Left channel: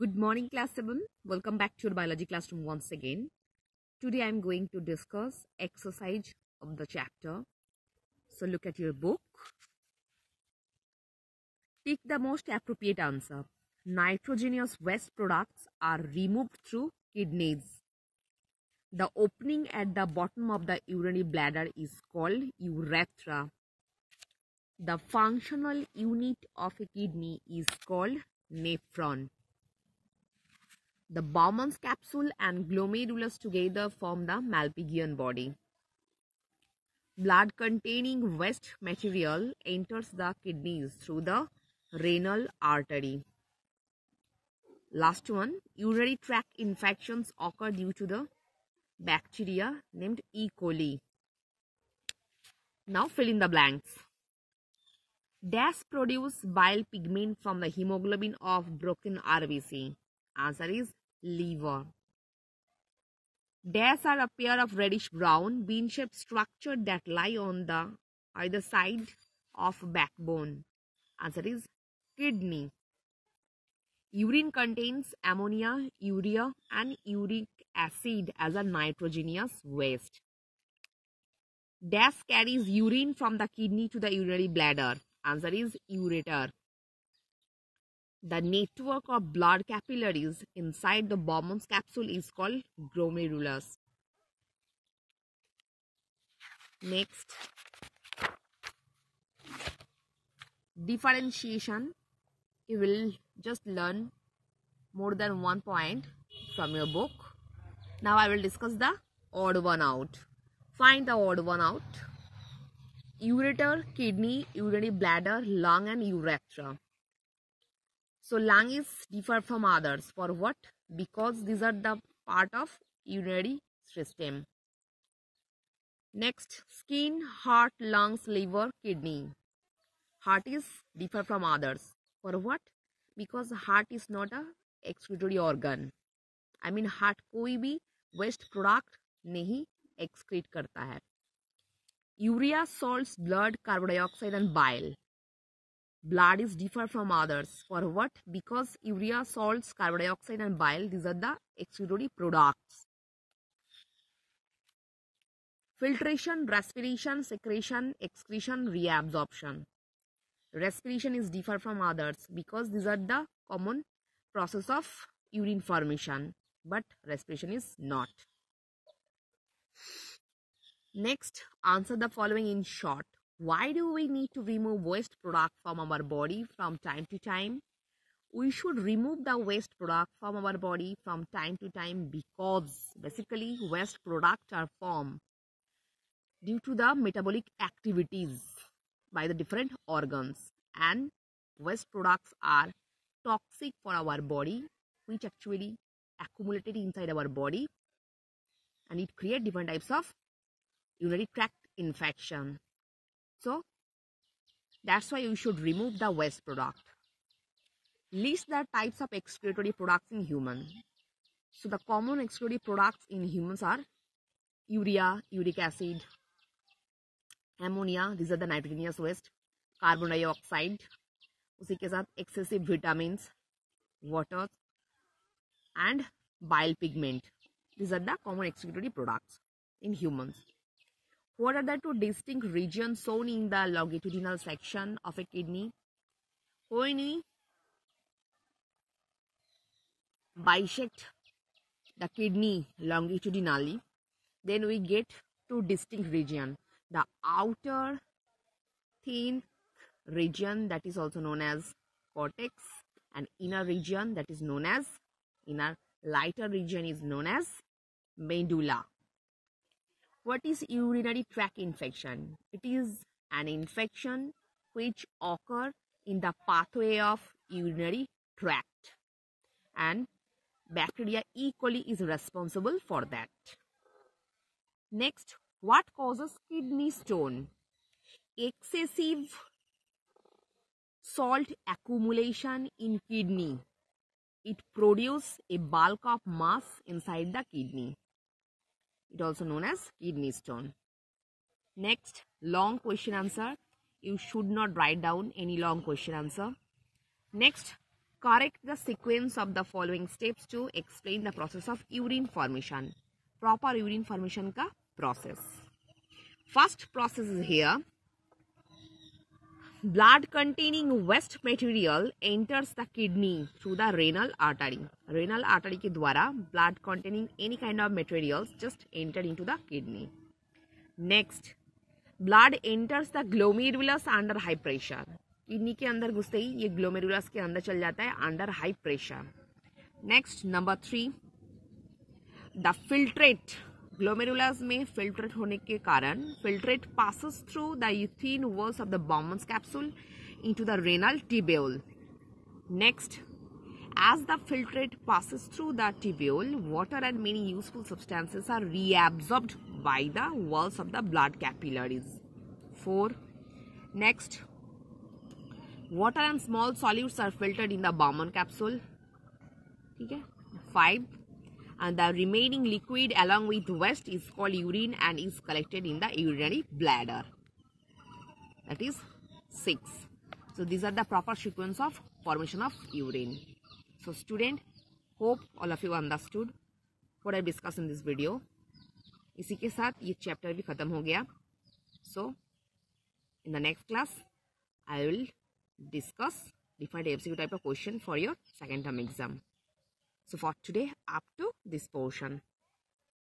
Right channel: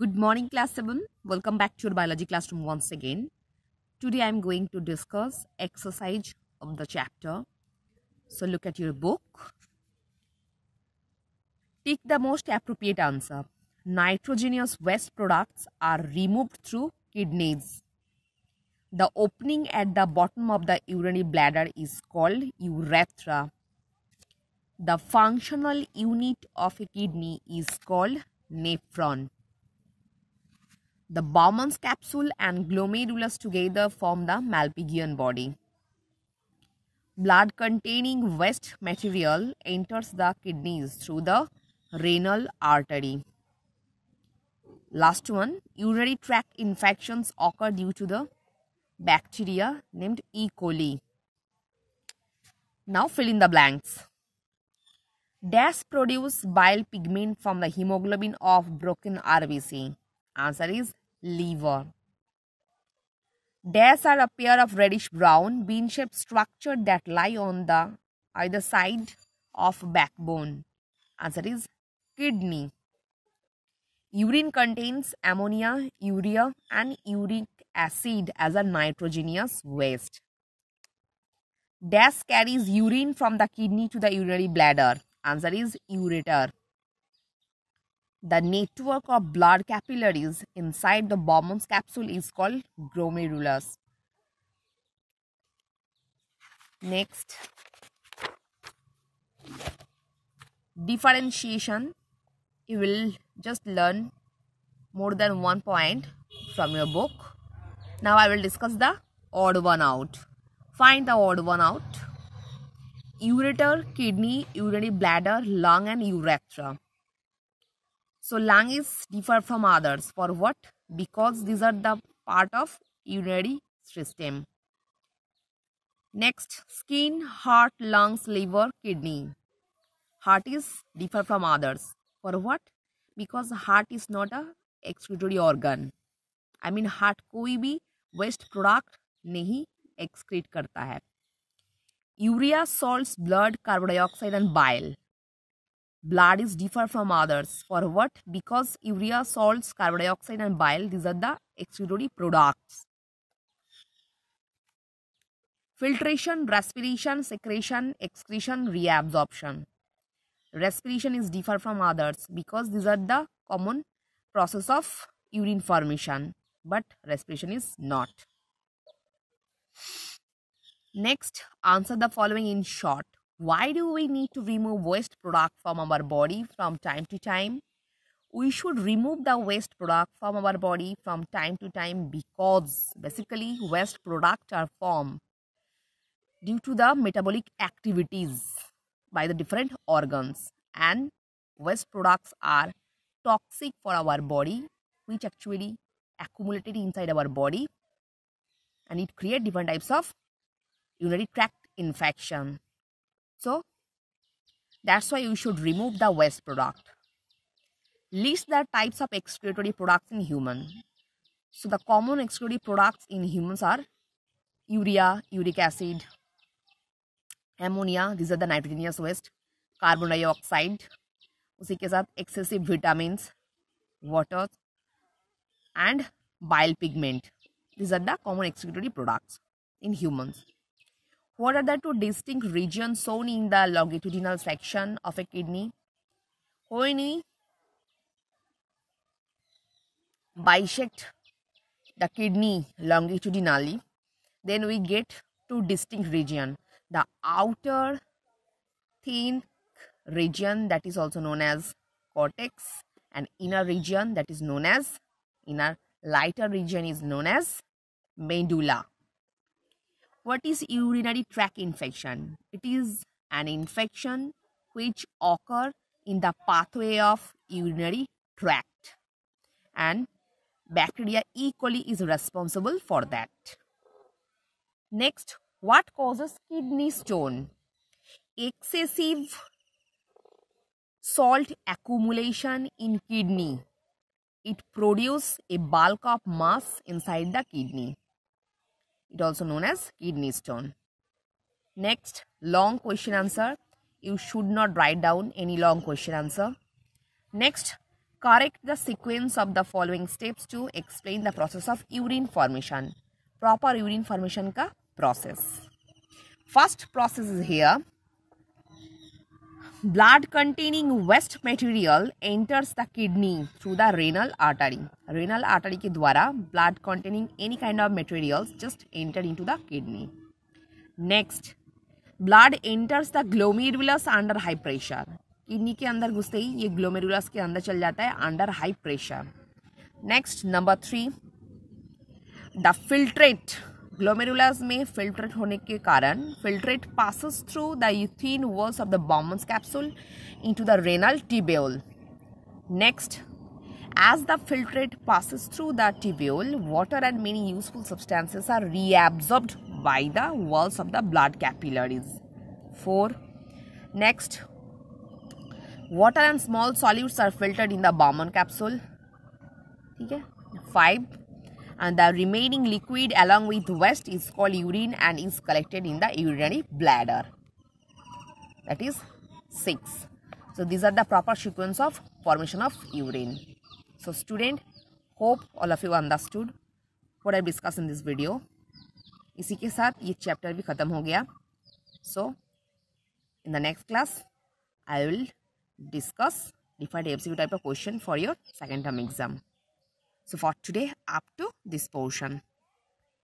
Good morning, class 7. Welcome back to your biology classroom once again. Today I am going to discuss exercise of the chapter. So look at your book. Take the most appropriate answer. Nitrogenous waste products are removed through kidneys. The opening at the bottom of the urinary bladder is called urethra. The functional unit of a kidney is called nephron. The Bowman's capsule and glomerulus together form the Malpighian body. Blood containing waste material enters the kidneys through the renal artery. Last one, urinary tract infections occur due to the bacteria named E. coli. Now fill in the blanks. Dash produce bile pigment from the hemoglobin of broken RBC. Answer is liver. Dash are a pair of reddish-brown bean-shaped structure that lie on the either side of backbone. Answer is kidney. Urine contains ammonia, urea, and uric acid as a nitrogenous waste. Dash carries urine from the kidney to the urinary bladder. Answer is ureter. The network of blood capillaries inside the Bowman's capsule is called glomerulus. Next, differentiation. You will just learn more than 1 point from your book. Now I will discuss the odd one out. Find the odd one out. Ureter, kidney, urinary bladder, lung and urethra. So lung is different from others. For what? Because these are the part of urinary system. Next, skin, heart, lungs, liver, kidney. Heart is different from others. For what? Because heart is not a excretory organ. I mean heart कोई भी waste product नहीं excrete करता है. Urea, salts, blood, carbon dioxide and bile. Blood is different from others. For what? Because urea, salts, carbon dioxide and bile, these are the excretory products. Filtration, respiration, secretion, excretion, reabsorption. Respiration is different from others because these are the common process of urine formation, but respiration is not. Next, answer the following in short. Why do we need to remove waste product from our body from time to time? We should remove the waste product from our body from time to time because basically waste products are formed due to the metabolic activities by the different organs, and waste products are toxic for our body, which actually accumulated inside our body, and it creates different types of urinary tract infection. So that's why you should remove the waste product. List the types of excretory products in human. So the common excretory products in humans are urea, uric acid, ammonia, these are the nitrogenous waste, carbon dioxide, उसी के साथ excessive vitamins, water and bile pigment. These are the common excretory products in humans. What are the two distinct regions shown in the longitudinal section of a kidney? When we bisect the kidney longitudinally, then we get two distinct regions. The outer thin region, that is also known as cortex, and inner region, that is known as lighter region is known as medulla. What is urinary tract infection? It is an infection which occur in the pathway of urinary tract, and bacteria E. coli is responsible for that. Next, what causes kidney stone? Excessive salt accumulation in kidney. It produces a bulk of mass inside the kidney. It also known as kidney stone. Next, long question answer. You should not write down any long question answer. Next, Correct the sequence of the following steps to explain the process of urine formation. Proper urine formation का process. First process is here. Blood containing waste material enters the kidney through the renal artery. Renal artery के द्वारा blood containing any kind of materials just enter into the kidney. Next, blood enters the glomerulus under high pressure. Kidney के अंदर घुसते ही ये glomerulus के अंदर चल जाता है under high pressure. Next number 3, the filtrate. Glomerulus में फिल्ट्रेट होने के कारण filtrate passes through the thin walls of the Bowman's capsule into the renal tubule. Next, as the filtrate passes through the tubule, water and many useful substances are reabsorbed by the walls of the blood capillaries. 4. Next, water and small solutes are filtered in the Bowman capsule. Okay. 5. And the remaining liquid along with waste is called urine and is collected in the urinary bladder. That is 6. So these are the proper sequence of formation of urine. So student, hope all of you understood what I discussed in this video. इसी के साथ ये chapter भी खत्म हो गया. So in the next class I will discuss different MCQ type of question for your second term exam. So for today, up to this portion.